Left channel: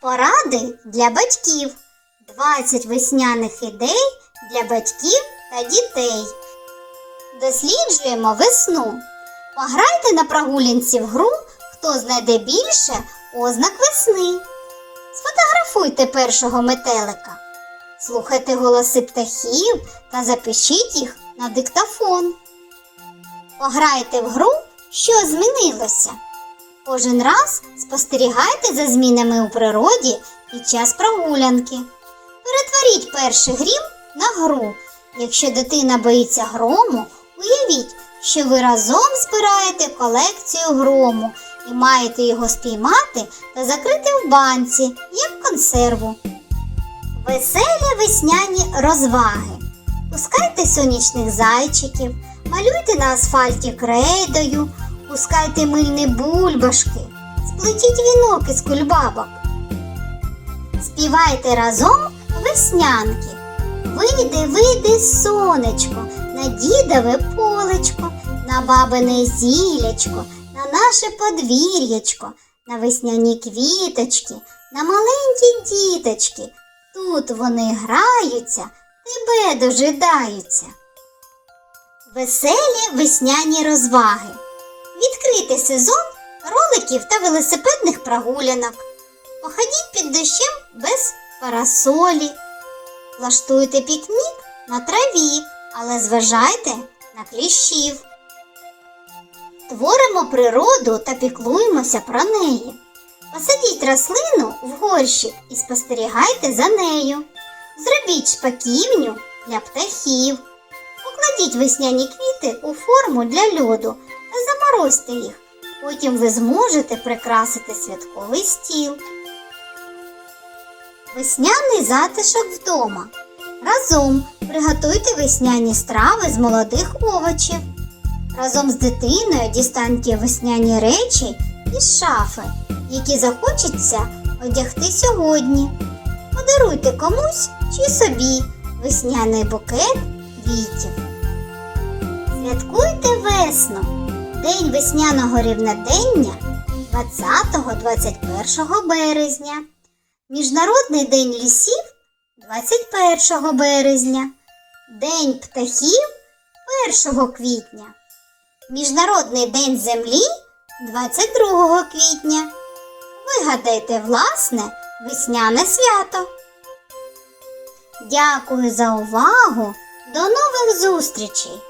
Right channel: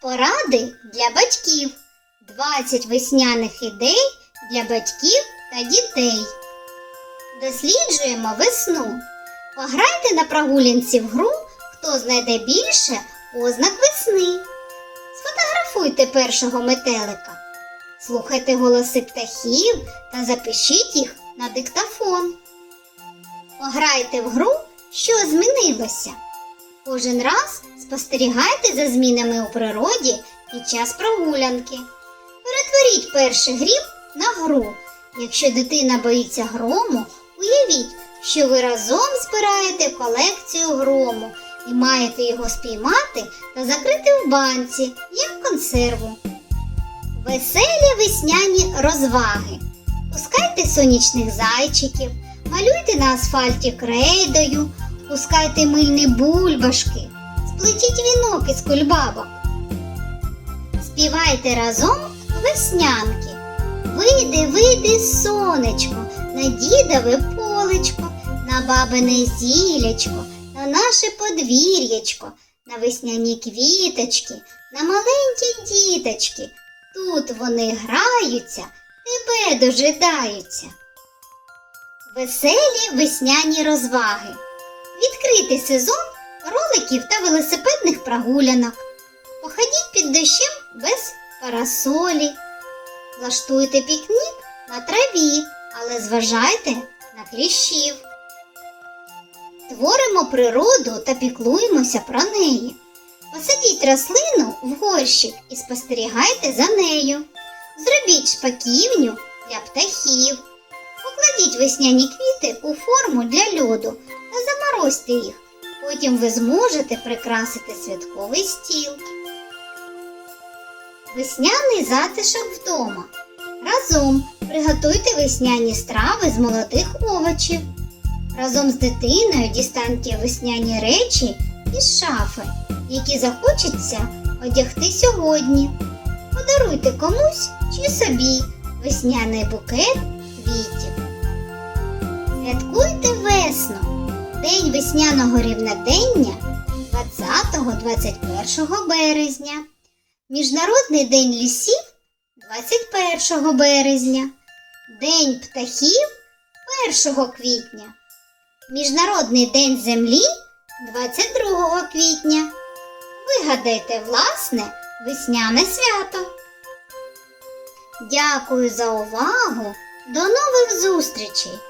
Поради для батьків. 20 весняних ідей для батьків та дітей. Досліджуємо весну. Пограйте на прогулянці в гру, хто знайде більше ознак весни. Сфотографуйте першого метелика. Слухайте голоси птахів та запишіть їх на диктофон. Пограйте в гру, що змінилося. Кожен раз спостерігайте за змінами у природі під час прогулянки. Перетворіть перший грім на гру. Якщо дитина боїться грому, уявіть, що ви разом збираєте колекцію грому і маєте його спіймати та закрити в банці, як консерву. Веселі весняні розваги. Пускайте сонячних зайчиків, малюйте на асфальті крейдою, пускайте мильні бульбашки, сплетіть вінок із кульбабок. Співайте разом веснянки. Вийде, вийде сонечко, на дідове полечко, на бабине зілячко, на наше подвір'ячко, на весняні квіточки, на маленькі діточки. Тут вони граються, тебе дожидаються. Веселі весняні розваги. Відкритий сезон роликів та велосипедних прогулянок. Походіть під дощем без парасолі. Влаштуйте пікнік на траві, але зважайте на кліщів. Творимо природу та піклуємося про неї. Посадіть рослину в горщик і спостерігайте за нею. Зробіть шпаківню для птахів. Покладіть весняні квіти у форму для льоду заморозьте їх. Потім ви зможете прикрасити святковий стіл. Весняний затишок вдома. Разом приготуйте весняні страви з молодих овочів. Разом з дитиною дістаньте весняні речі із шафи, які захочеться одягти сьогодні. Подаруйте комусь чи собі весняний букет квітів. Святкуйте весну, День весняного рівнодення 20-21 березня. Міжнародний день лісів 21 березня, День птахів 1 квітня, Міжнародний день землі 22 квітня. Вигадайте власне весняне свято. Дякую за увагу. До нових зустрічей!